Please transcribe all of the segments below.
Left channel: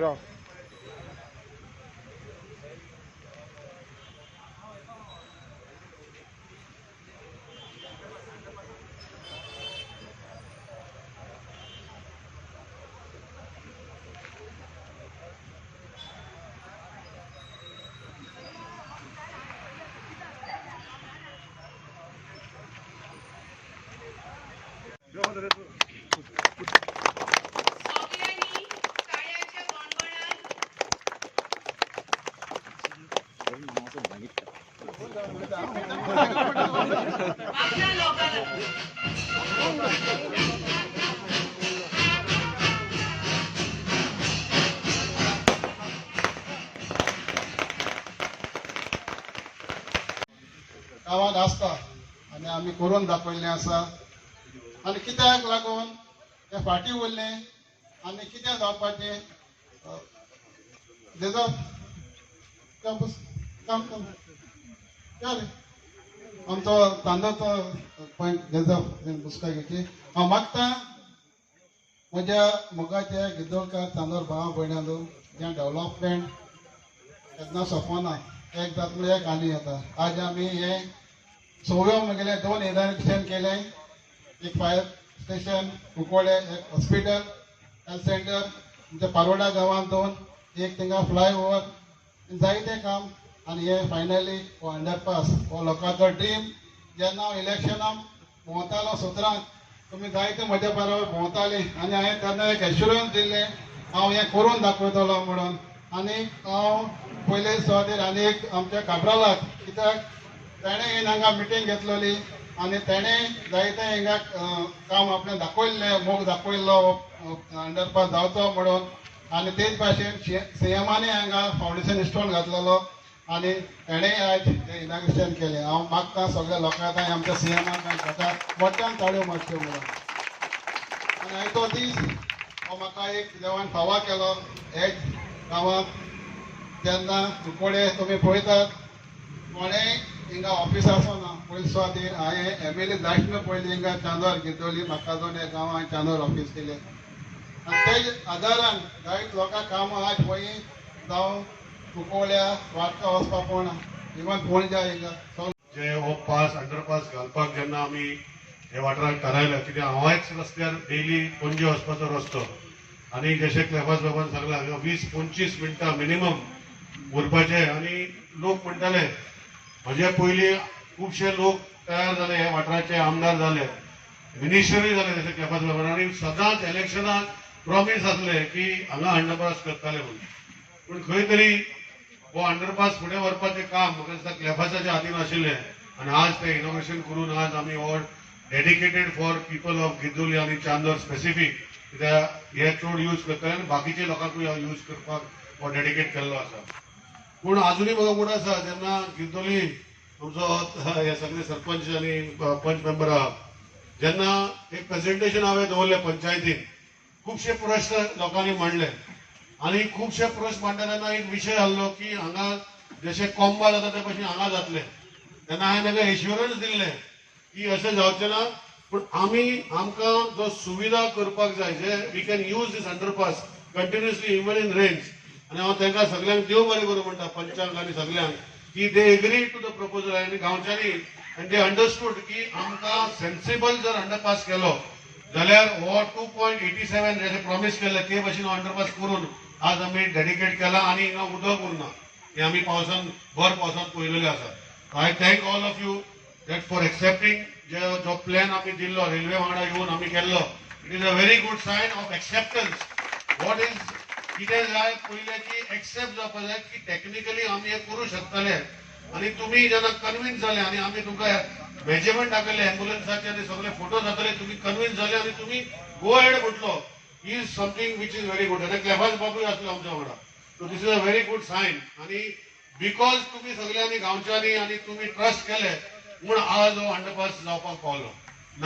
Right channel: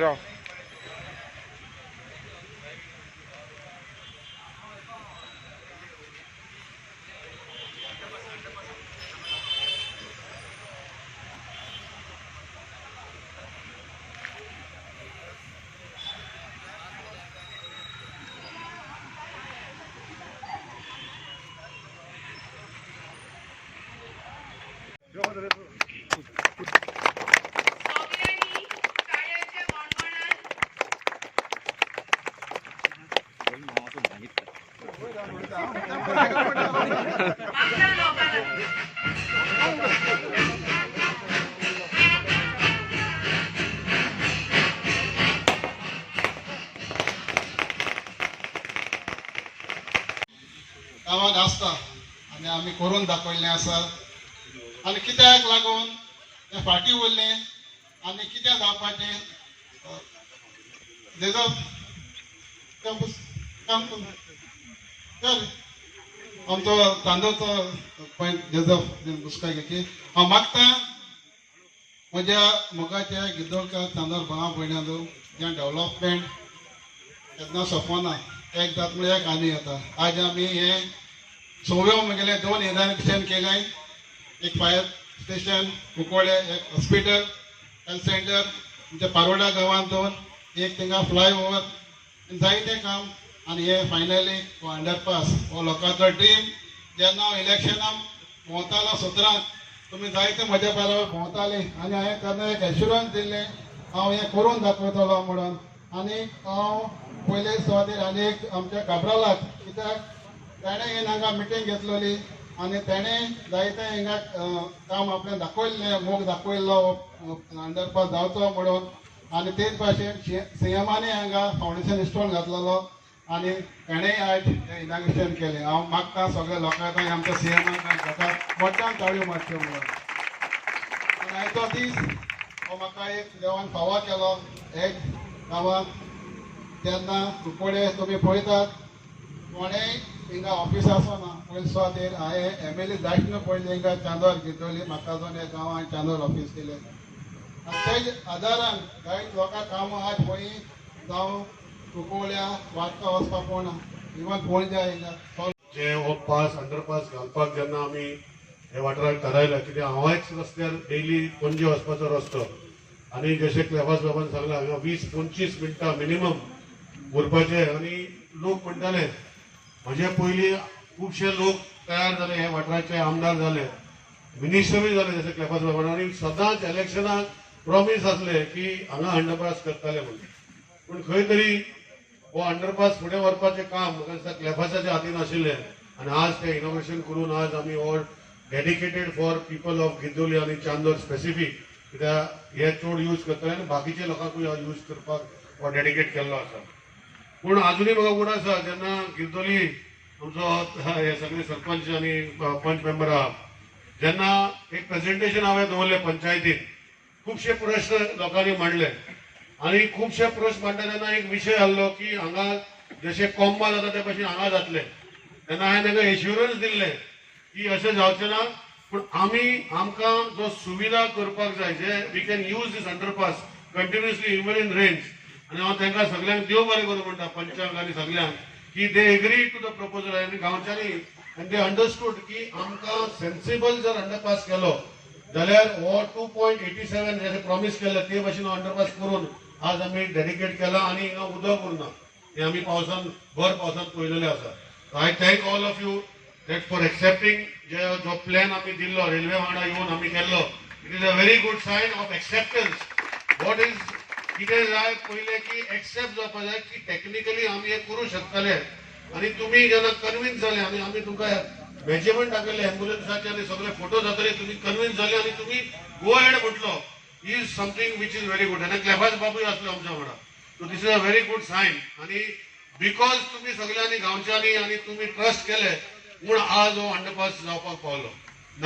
राव गावात आसता आनी आमी करून दाखयल्लें आसा आनी कित्याक लागून ते फाटीं उरले आनी कितें जावपाचें जेजो आमचो तांदळचो पॉयंट जेजो बुसका घेतली हांव मागता म्हज्या मोगाच्या गिदोळकार तांदूळ भावा भयणांदू जें डेव्हलपमेंट केन्ना सोंपना एक जात म्हळ्यार एक आनी येता आज आमी हे सव्यो म्हगेले 2 इनॉग्रेशन केले एक फायर स्टेशन कुंकोळे एक हॉस्पिटल हेल्थ सेंटर आमच्या पारोडा गांवांत 2 एक थिंगा फ्लायओवर जायतें काम आनी हे फायनली हो अंडरपास हो लोकांचो ड्रीम जेन्ना हांव इलेक्शनाक भोंवतालो सत्रांत तुमी जायते म्हज्या बरोबर भोंवताली आनी हांवें तेन्ना एक एश्युरन्स दिल्लें हांव हें करून दाखयतलो म्हणून आनी हांव पयले सुवातेर आनी एक आमच्या काब्रालाक कित्याक ताणें येवन हांगा मिटींग घेतलेली आनी ताणें जायतें हिंगा काम आपणें दाखयल्लें मोग दाखयल्लो अंडरपास जावचो म्हणून आनी तेच भाशेन सीएमानय हांगा फावंडेशन स्टोन घातलेलो आनी ताणेंय आयज इनॉग्रेशन केलें हांव मागता सगळ्या लोकांक आमच्या सीएमाक मोठ्यान ताळयो मारच्यो म्हणून आनी आयचो दीस हो म्हाका एक देवान फावो केलो एक गांवांत तेन्ना कुंकोळे तुमी पळयतात कोणेय हिंगा ऑफिस आसना पयले सुवातेर हांवें एमएलए धाडटना पयलीं हिंगा चांदोर घेतली म्हाका जावन हे गांवांत चांदोर ऑफिस दिलें आनी तेज आदारान जायत लोकां कामां आज खंयी जावं कुंकोळ्या वाटका वचपाक पडना इवन पणजा हिंगा जे ओवरपास अंडरपास घालपाक जेन्ना आमी हे वाठाराक थारायलें कित्याक हांवेंच रस्त्यार डेली पणजे वचपाचो रस्तो आनी जशें क्लेफास बाबान सांगलां हांगा 20-25 मिनटां मिनिमम उरपाचे आनी लोक म्हणटाले म्हजे पयलीं खुबशे लोक तयार जाले हे वाठाराचे आमदार जाले मिनिस्टरी जाले जशें क्लेफास बाबान आनी सदांच इलेक्शनाक प्रॉमीस आसले की हांगा अंडरपास करतले म्हणून पूण खंय तरी हो अंडरपास फुडें व्हरपाचें काम म्हाका दिसता क्लेफासाच्या हातीन आशिल्लें आनी आज तें इनॉग्रेशन करून आज आमी हो डेडिकेटेड फॉर पीपल ऑफ गिदोली आनी चांदोर स्पेसिफीक कित्याक हे चड यूज करतले आनी बाकीच्या लोकांकूय यूज करपाक हो डेडिकेट केल्लो आसा पूण आजुनूय म्हाका उड आसा जेन्ना गिरदोली आमचो हे सगळे सरपंच आनी पंच मेंबर आहा जेन्ना एक प्रेजेंटेशन हांवें दवरलें पंचायतीन खुबशे प्रश्न लोकांनी मांडले आनी खुबशे प्रश्न मांडटा तेन्ना एक विशय आहलो की हांगा जशे कोंबा जाता ते भशेन हांगा जातले तेन्ना हांवें ताका एश्युरन्स दिल्ले की अशें जावचें ना पूण आमी आमकां जो सुविधा करपाक जाय जे we can use this underpass continuously even in rains आनी हांव तांकां सगळ्यांक देव बरें करूं म्हणटा पंचांक आनी सगळ्यांक की they agree to the proposal आनी गांवच्यांनी आनी दे अंडरस्टूड की आमकां सेन्सिबल जर अंडरपास केलो जाल्यार हो 2.87 जशें प्रॉमीस केल्ले ते भशेन अंडरपास करून आज आमी डेडिकेट केला आनी हिंगा उदक उरना हे आमी पावसान भर पावसान पळयलेलें आसा I thank all of you that for accepting जो प्लॅन आमी दिल्लो रेल्वे वांगडा येवन आमी केल्लो it is a very good sign of acceptance what is कितें जाय पयलें की एक्सेप्ट जावपाक जाय की टेक्निकली आमी हे करूं शकतले आनी तुमी जेन्ना कन्विन्स जाले आनी आमी तुमकां मेजरमेंट दाखयले एम्बुलन्साचे आनी सगळे फोटो जातले तुमी कन्विन्स जाले आनी तुमी गो हेड म्हटलो is something which is very good आनी क्लेफास बाबूय आसलो आमच्या वांगडा so this is a very good sign आनी बिकॉज तुमी सगळ्यांनी गांवच्यांनी आनी तुमी ट्रस्ट केले म्हूण आज हो अंडरपास जावपाक पावलो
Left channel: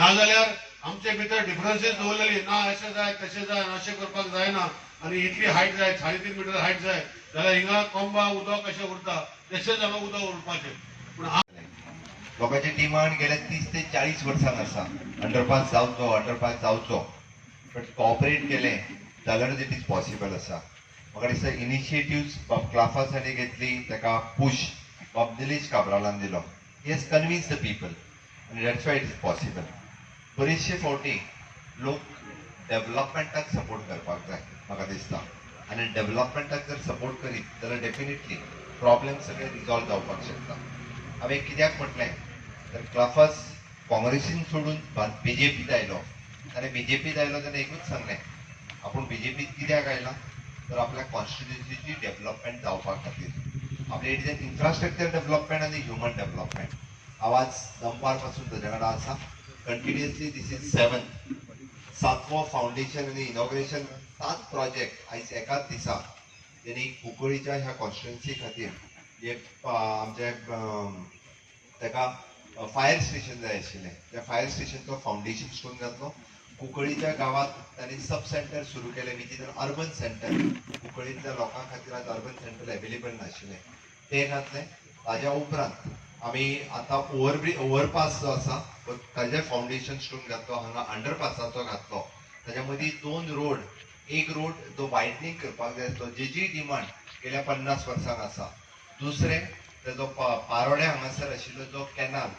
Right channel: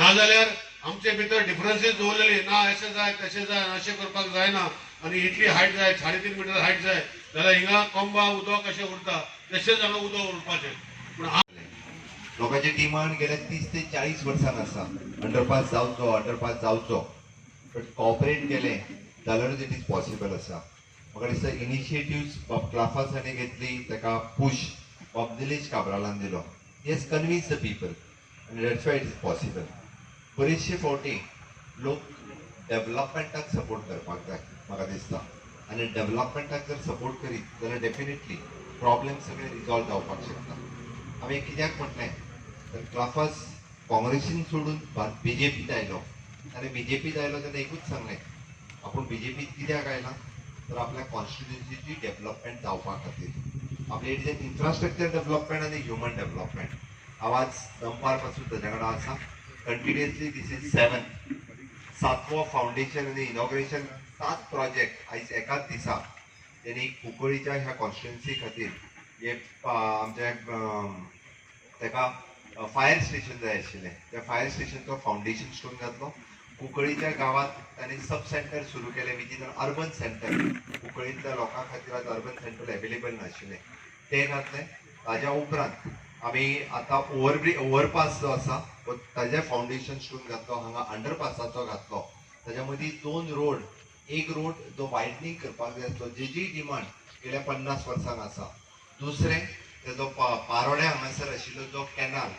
नाजाल्यार आमचे भितर डिफरन्सीस दवरलेली ना अशें जाय तशें जाय अशें करपाक जायना आनी इतली हायट जाय 3.5 मिटर हायट जाय जाल्यार हिंगा कोंबा उदक कशें उरता तशेंच हांगा उदक उरपाचें पूण लोकांचे डिमांड गेल्या 30 ते 40 वर्सां आसा अंडरपास जावचो बट कॉपरेट केलें जाल्यारूच इट इज पॉसिबल आसा म्हाका दिसता इनिशिएटिव्ह क्लाफासांनी घेतली ताका पुश बॉब दिलेज काब्रालान दिलो. He has convince the people आनी that's why it is possible. बरेचशे फावटी लोक डेव्हलपमेंटाक सपोर्ट करपाक जाय म्हाका दिसता, आनी डेव्हलपमेंटाक जर सपोर्ट करीत जाल्यार डेफिनेटली प्रॉब्लेम सगळे रिजॉल्व जावपाक शकता. हांवें कित्याक म्हटलें तर क्लाफास काँग्रेसीन सोडून बीजेपीत आयलो आनी बीजेपीत आयलो तेन्ना एकूच सांगलें आपूण बीजेपीत कित्याक आयला तर आपल्या कॉन्स्टिट्युन्सीची डेव्हलपमेंट जावपा खातीर. आपल्या इट इन्फ्रास्ट्रक्चर डेव्हलपमेंट आनी ह्युमन डेव्हलपमेंट. आवाज दनपार पासून तेजे कडेन आसा कंटिन्युअसली. दीस इज 7वो फावंडेशन आनी इनॉग्रेशन 7 प्रोजेक्ट आयज एकाच दिसा तेणी कुंकळीच्या ह्या कॉन्स्टिट्युन्सी खातीर एक आमच्या ताका फायर स्टेशन जाय आशिल्लें. त्या फायर स्टेशनचो फावंडेशन स्टोन घातलो. कुंकळीच्या गांवांत तांणी सब सेंटर सुरू केले which is an urban centre. कुंकळींतल्या लोकां खातीर आतां अर्बन सेंटर अवेलेबल नाशिल्लें ते घातलें. ताज्या उपरांत आमी आतां ओवरपास जो आसा ताजें फावंडेशन स्टोन घातलो. हांगा अंडरपासाचो घातलो. ताज्या मदीं 2 रोड, एक रोड जो वायडनींग करपाक जाय आसलो जेजी डिमांड गेल्या 50 वर्सांक आसा. दुसरें तेजो पारोड्या हांगासर आशिल्लो जो कॅनाल